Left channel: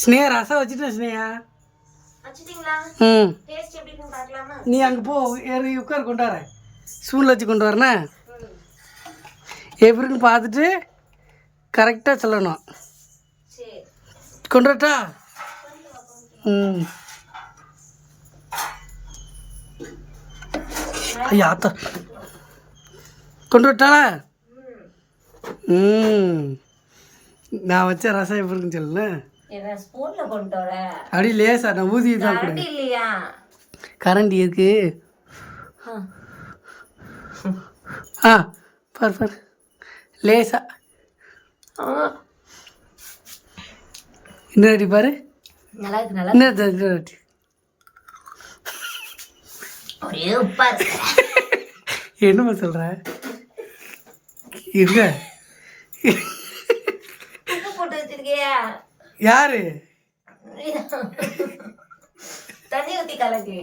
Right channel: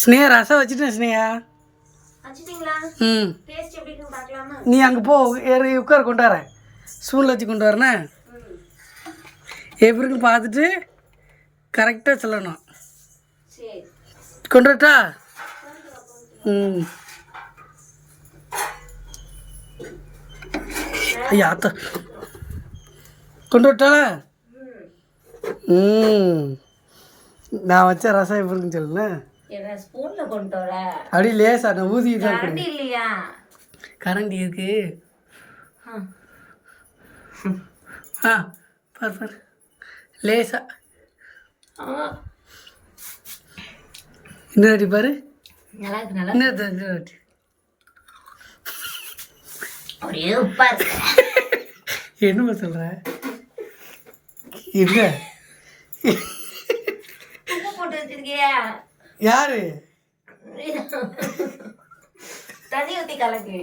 ஸ்னேகா ரசம் வச்சுட்டேன் ஸ்னேகா. ம் நீ அங்கே போ உட்கார் கொண்டு வரேன். ஸ்பூனில் வச்சு கொண்டு வரேண்ணே. எப்படி இருக்குன்னு பார்த்துட்டு கரெக்டாக சொல்லணும். கொண்டு வரட்டா? ம் ஐயா அத்தா கொண்டு வரட்டா? ம் நான் வச்ச ரசம் எப்படி இருக்குன்னு சொல்லுண்ணே. அப்படி லேசா நான் ஊதிட்டு தான் கொடு. கரண்டி இருக்கு. ஆ பார் பார் லேசா இன்னொரு பாரு. இன்னொரு என்னம்மா சொல்ற? இருங்க. யாரு தண்ணி ஊத்தி கலக்கு.